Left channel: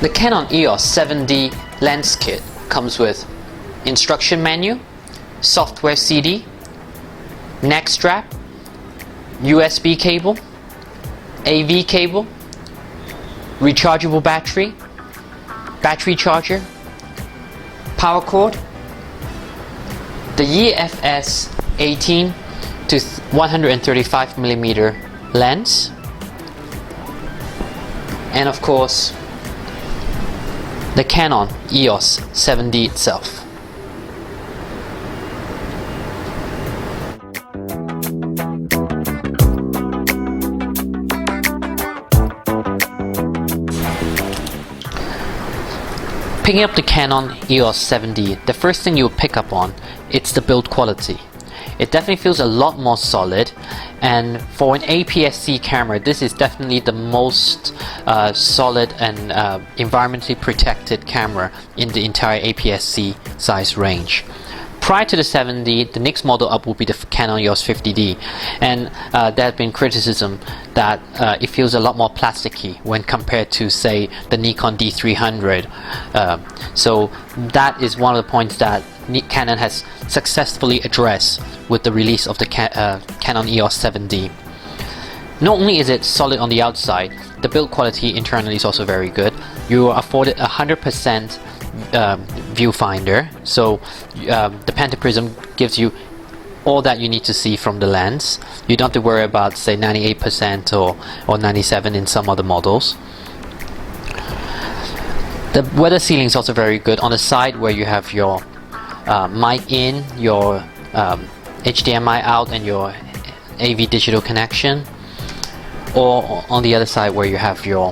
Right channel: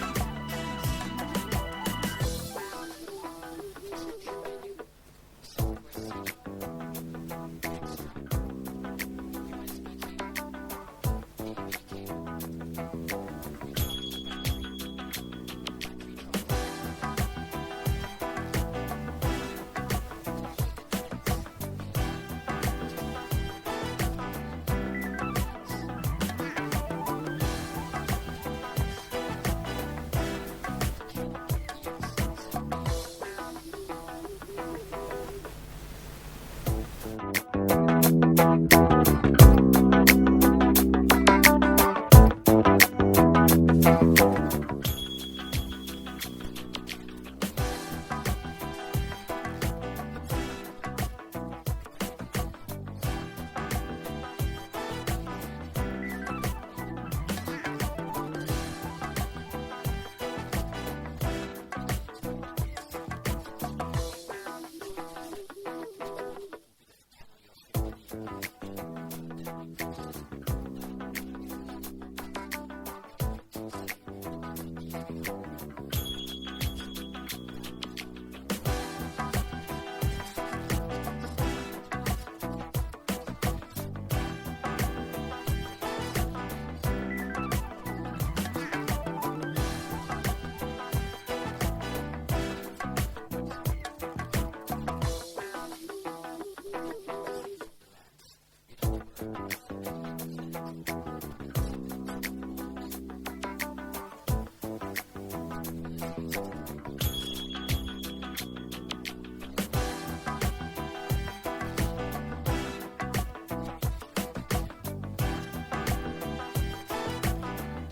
The Canon EOS 7D lens kit comes with instruction menu, software CD, neck strap, USB cable, AV cable, rechargeable battery, battery charger, power cord, the EFS 18 to 135mm lens, and of course the Canon EOS 7D itself. Picking up the Canon EOS 7D, the first thing you'll pick up on, it's the build quality. It definitely feels a lot more solid, and for an APS-C camera, this is definitely the most solid and environmentally protected camera in the entire APS-C size range. Prior to the 7D, the next model up will be the Canon EOS 50D, and there has been criticism that it feels a lot more plasticky when compared to, say, the Nikon D300. So that is one of the points that Canon has successfully addressed with the release of the Canon EOS 7D. Not only is it solid on the outside, the build quality internally is also very good. You are afforded 100% viewfinder, so the pentaprism gives you all that you need to see from the lens. You don't have to worry about, say, 98% or 97% in some other models. The weather sealing is also very good on the side where you have your mic in, your HDMI out, and your AV digital connection, or on the other side where you have your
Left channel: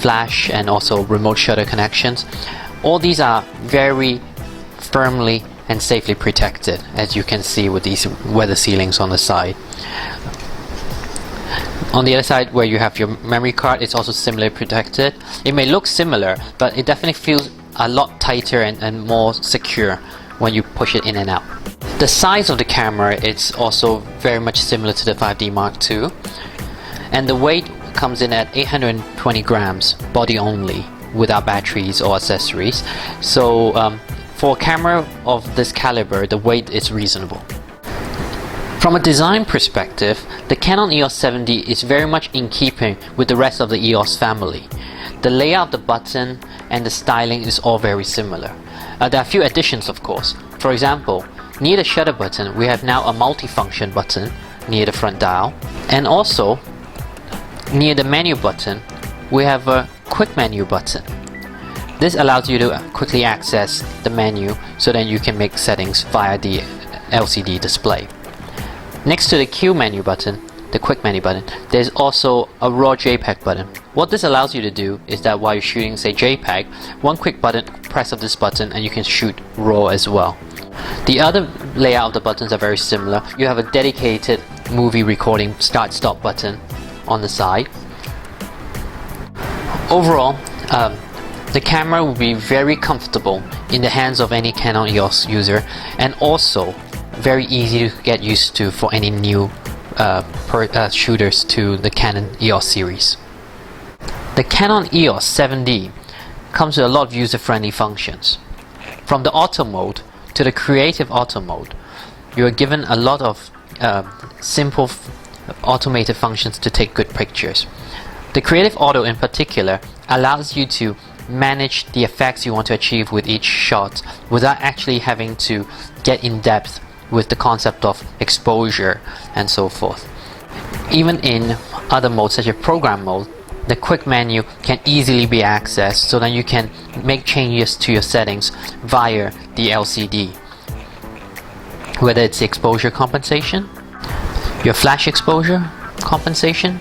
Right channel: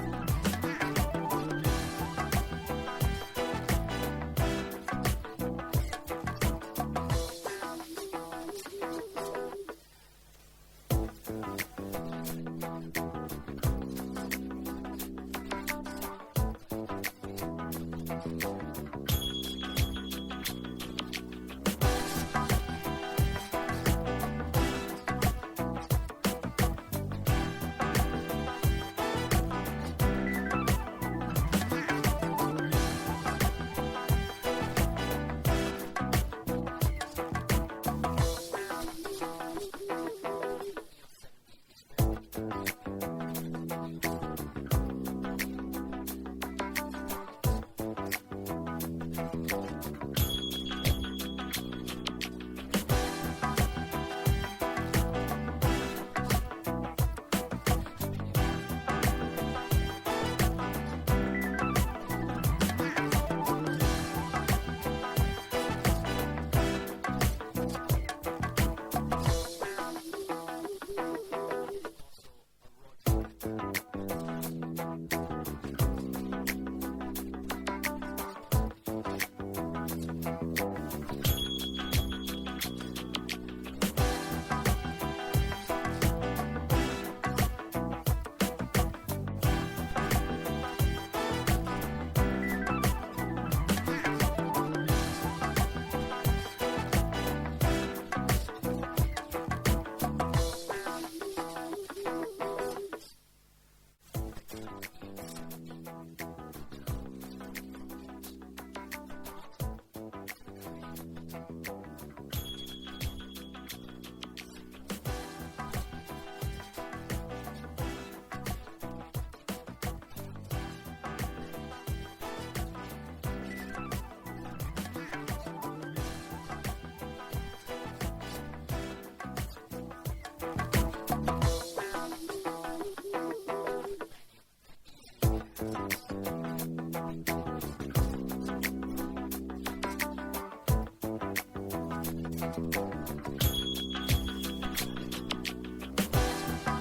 flash and also remote shutter connections. All these are very firmly and safely protected, as you can see with these weather sealings on the side. On the other side where you have your memory card, it's also similarly protected. It may look similar, but it definitely feels a lot tighter and more secure when you push it in and out. The size of the camera is also very much similar to the 5D Mark II, and the weight comes in at 820 grams, body only, without batteries or accessories. So for a camera of this caliber, the weight is reasonable. From a design perspective, the Canon EOS 7D is very much in keeping with the rest of the EOS family. The layout of the button and the styling is all very similar. There are a few additions, of course. For example, near the shutter button, we have now a multifunction button near the front dial, and also near the menu button, we have a quick menu button. This allows you to quickly access the menu so that you can make settings via the LCD display. Next to the Q menu button, the quick menu button, there's also a raw JPEG button. What this allows you to do is that while you're shooting, say, JPEG, one quick press of this button and you can shoot raw as well. The other layout of the buttons are very similar. You have a dedicated movie recording start-stop button on the side. Overall, the camera will be very comfortable in the hands of any Canon EOS user, and also very easy to get used to for any new shooters to the Canon EOS series. The Canon EOS 7D comes with a lot of user-friendly functions. From the auto mode to the creative auto mode, you are given a lot of simple automated functions to take good pictures. The creative auto in particular allows you to manage the effects you want to achieve with each shot without actually having to get in depth with the concept of exposure and so forth. Even in other modes such as program mode, the quick menu can easily be accessed so that you can make changes to your settings via the LCD. Whether it's exposure compensation, your flash exposure compensation,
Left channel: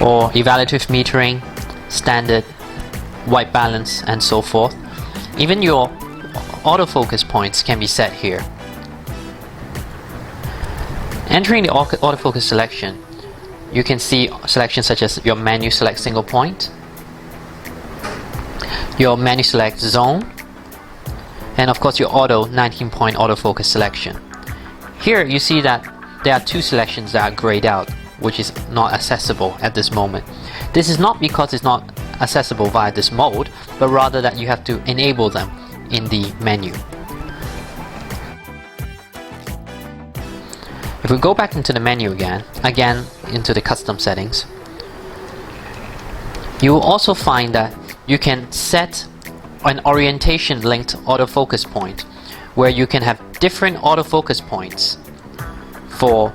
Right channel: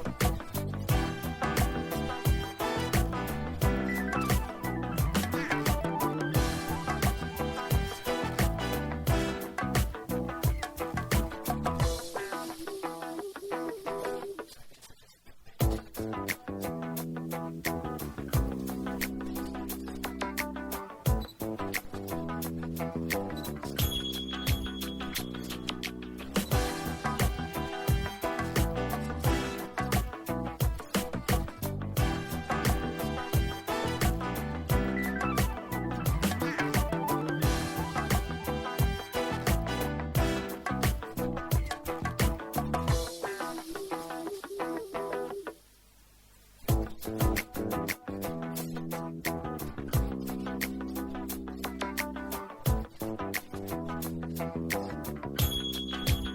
or evaluative metering, standard, white balance, and so forth. Even your autofocus points can be set here. Entering the autofocus selection, you can see selections such as your menu select single point, your menu select zone, and of course your auto 19-point autofocus selection. Here you see that there are two selections that are grayed out, which is not accessible at this moment. This is not because it's not accessible via this mode, but rather that you have to enable them in the menu. If we go back into the menu again into the custom settings, you will also find that you can set an orientation linked autofocus point, where you can have different autofocus points for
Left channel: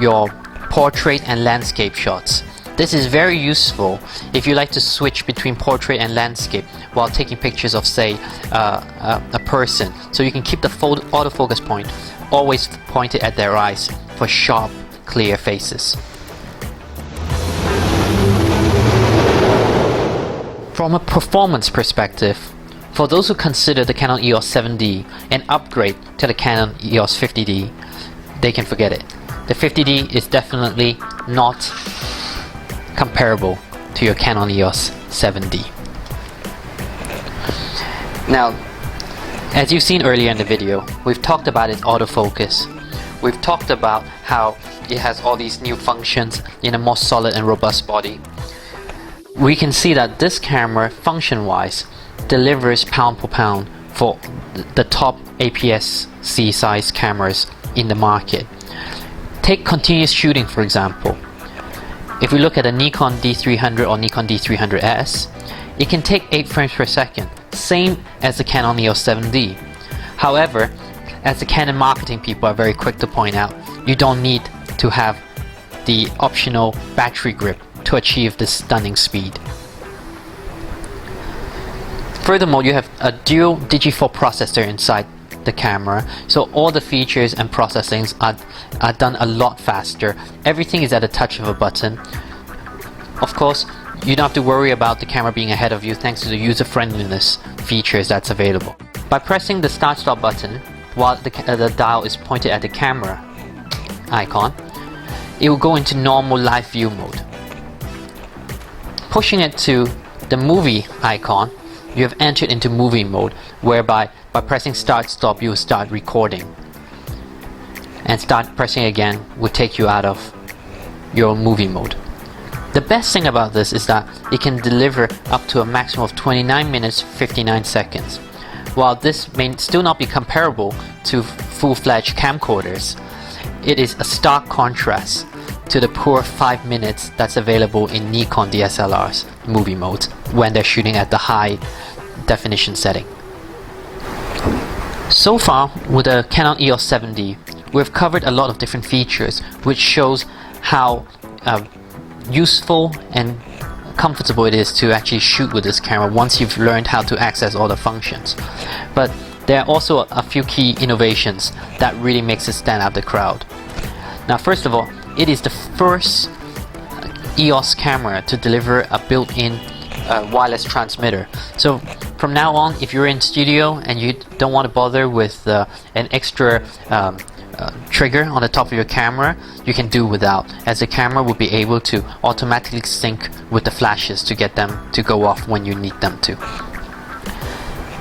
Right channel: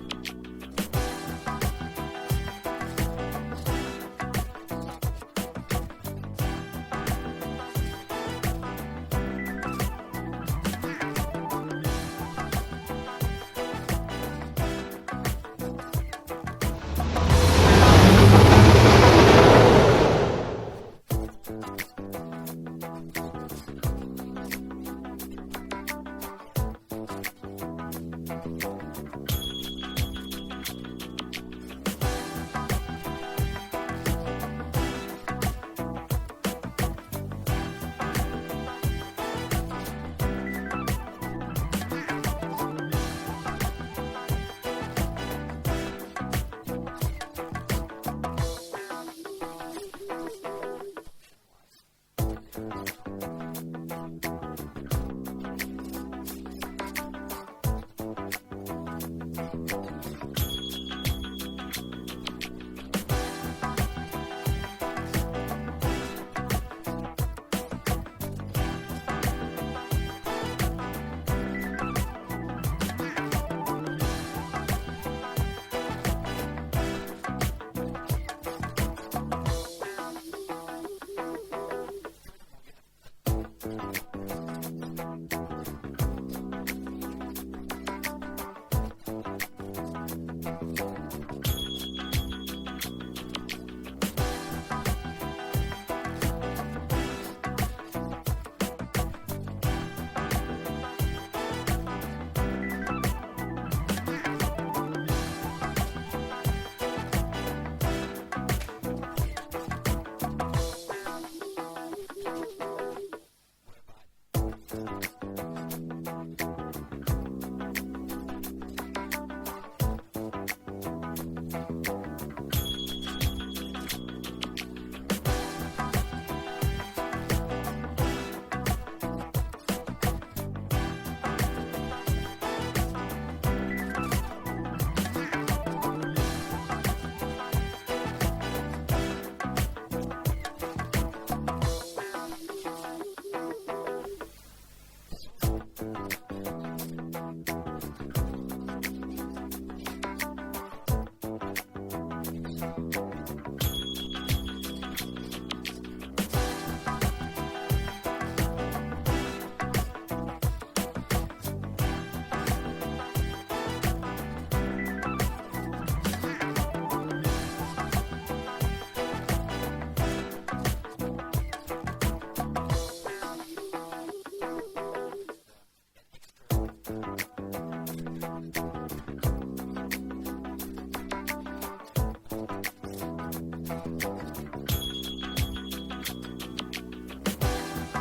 your portrait and landscape shots. This is very useful if you like to switch between portrait and landscape while taking pictures of, say, a person. So you can keep the autofocus point always pointed at their eyes for sharp, clear faces. From a performance perspective, for those who consider the Canon EOS 7D an upgrade to the Canon EOS 50D, they can forget it. The 50D is definitely not comparable to your Canon EOS 7D. Now, as you've seen earlier in the video, we've talked about its autofocus. We've talked about how it has all these new functions in a more solid and robust body. We can see that this camera, function-wise, delivers pound for pound for the top APS-C size cameras in the market. Take continuous shooting, for example. If we look at a Nikon D300 or Nikon D300S, it can take 8 frames per second, same as the Canon EOS 7D. However, as the Canon marketing people are very quick to point out, you don't need to have the optional battery grip to achieve this stunning speed. Furthermore, you have a dual Digi4 processor inside the camera, so all the features and processings are done a lot faster. Everything is at a touch of a button. Of course, you don't have to worry about the camera being ahead of you thanks to the user-friendliness features that's available. By pressing the start-stop button while the dial is pointed at the camera icon, it will go into normal live view mode. Pushing it to the movie icon, you have entered into movie mode, whereby by pressing start stop you will start recording, and start pressing again will take you out of your movie mode. The best thing about this is that it can deliver up to a maximum of 29 minutes 59 seconds. While this may still not be comparable to full-fledged camcorders, it is a stark contrast to the poor 5 minutes that's available in Nikon DSLR's movie mode when they're shooting at the high definition setting. So far with the Canon EOS 7D, we've covered a lot of different features, which shows how useful and comfortable it is to actually shoot with this camera once you've learned how to access all the functions. But there are also a few key innovations that really makes it stand out the crowd. Now, first of all, it is the first EOS camera to deliver a built-in wireless transmitter. So from now on, if you're in studio and you don't want to bother with an extra trigger on the top of your camera, you can do without, as the camera will be able to automatically sync with the flashes to get them to go off when you need them to.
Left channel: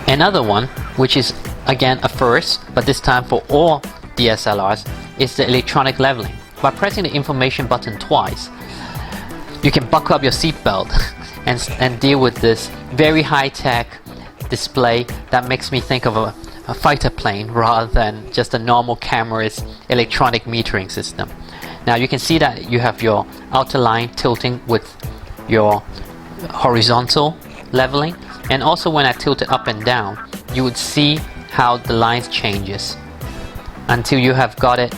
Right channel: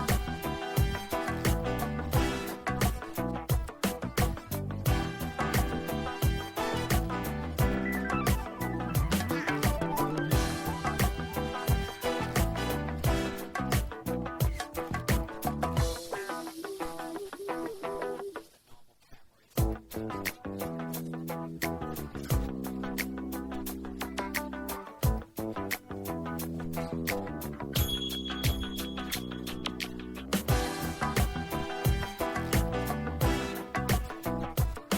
Another one, which is again a first, but this time for all DSLRs, is the electronic leveling. By pressing the information button twice, you can buckle up your seatbelt and deal with this very high-tech display that makes me think of a fighter plane rather than just a normal camera's electronic metering system. Now you can see that you have your outer line tilting with your horizontal leveling, and also when I tilt it up and down, you would see how the lines changes until you have got it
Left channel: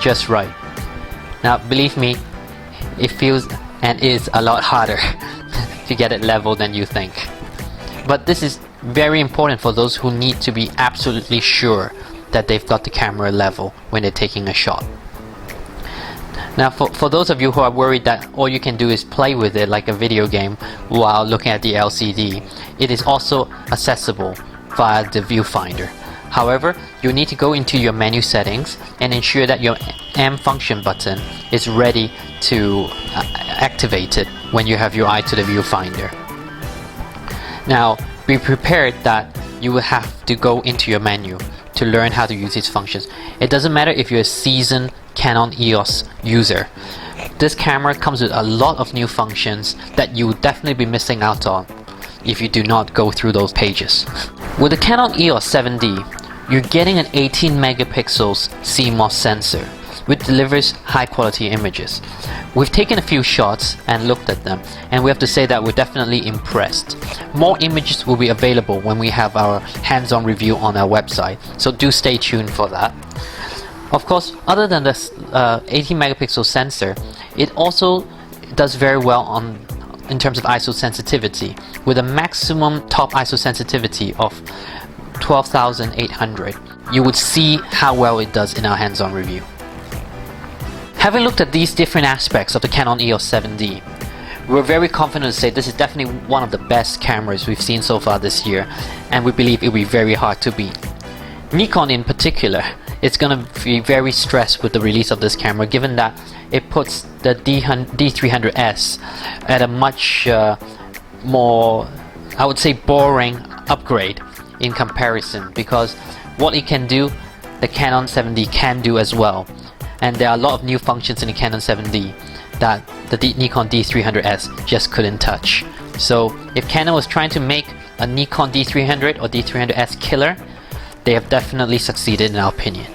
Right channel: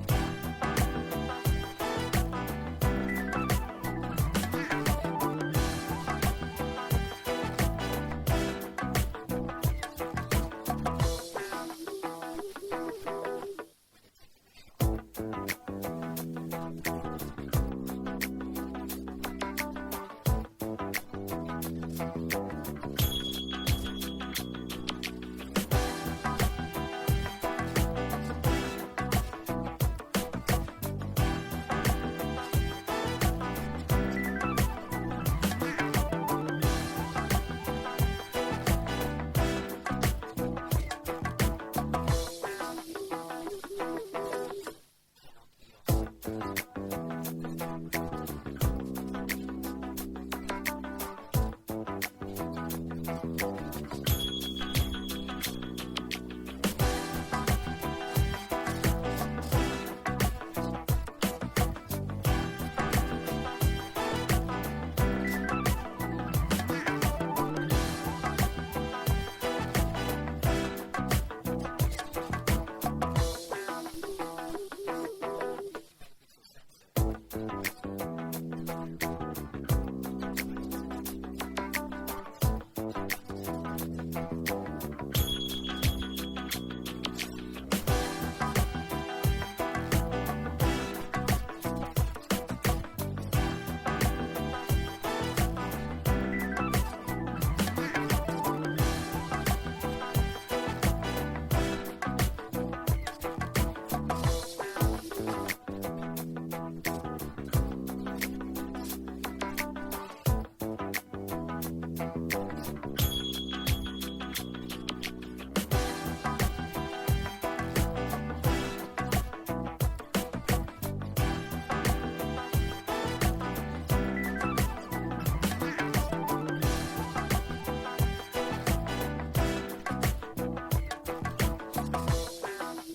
just right. Now believe me, it feels and is a lot harder to get it level than you think. But this is very important for those who need to be absolutely sure that they've got the camera level when they're taking a shot. Now for those of you who are worried that all you can do is play with it like a video game while looking at the LCD, it is also accessible via the viewfinder. However, you need to go into your menu settings and ensure that your M function button is ready to activate it when you have your eye to the viewfinder. Now, be prepared that you will have to go into your menu to learn how to use these functions. It doesn't matter if you're a seasoned Canon EOS user. This camera comes with a lot of new functions that you would definitely be missing out on if you do not go through those pages. With the Canon EOS 7D, you're getting an 18 megapixels CMOS sensor, which delivers high quality images. We've taken a few shots and looked at them, and we have to say that we're definitely impressed. More images will be available when we have our hands-on review on our website, so do stay tuned for that. Of course, other than this 18 megapixel sensor, it also does very well in terms of ISO sensitivity, with a maximum top ISO sensitivity of 12,800. You would see how well it does in our hands-on review. Having looked at these different aspects of the Canon EOS 7D, we're very confident to say this is definitely one of the best cameras we've seen so far this year, and we believe it will be very hard to beat. Nikon in particular, it's going to be very stressed with the release of this camera, given that it puts the D300S at a much more, I would say, boring upgrade in comparison, because what it can do, the Canon 7D can do as well. And there are a lot of new functions in the Canon 7D that the Nikon D300S just couldn't touch. So if Canon was trying to make a Nikon D300 or D300S killer, they have definitely succeeded in our opinion.